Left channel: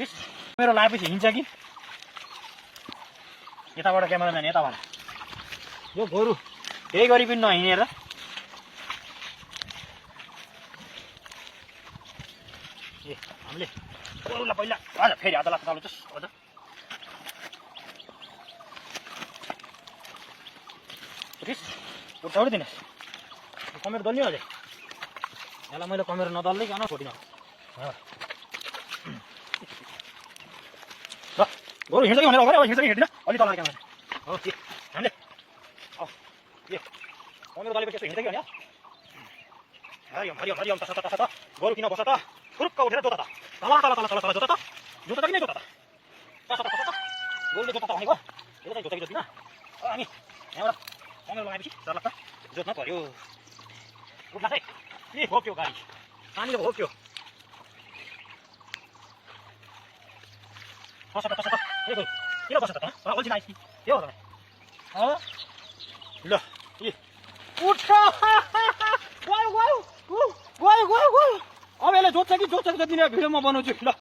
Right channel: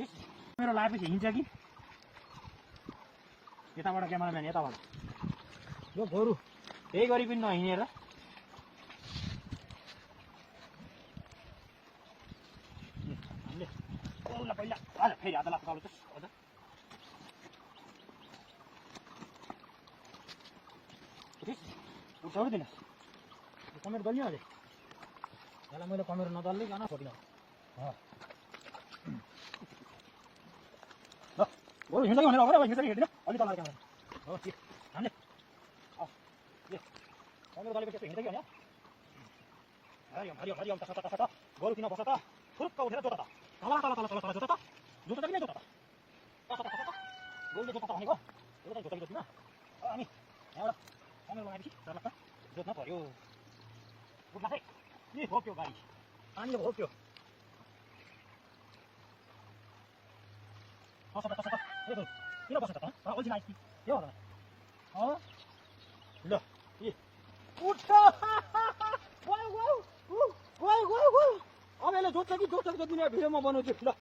मेरो लाएपछि हिँड्छ कि यताबाट क्यामेराम्यान यताबाट यो गोरु केही गरी पनि नहिँडेर ए हामीले गोरुलाई पहिला आज फेरि हात लाग्छ चालु अझ उठाउनु दिनुहोस् कमेर दल्यो अझै यसलाई मैले कमेर नदल्दै किन छोडिन गोरु हिँड्दै भनेर अगाडि हिँड्छ कि हिँड्दैन अलि तल क्यामेरा हो के हामीले ए कमेर दलेपछि यसो हिँड्दै कि भने हरियो हरियो हरियो तस तस त गोरु किन बस त फुरुक्क उठेर जोता त तल तल तल तल तल जोता त जोता त किन जोता त तस तस तस गोरुले जोता त भनेको यो चाहिँ जोता कि जोत्दिन अनि यहाँबाट कमेर लगाएपछि डर लाग्छ जोत्न पर्यो उठ्ला है ए भोक्यो गाडी पानीले भोक्यो बस त ए गोरु किन बस त अल्छी आइस के हो ल ए उठ wow wow wow wow wow अब यसले जोत्छ कि जोत्दिन भिडियोमा बनाउँछु ल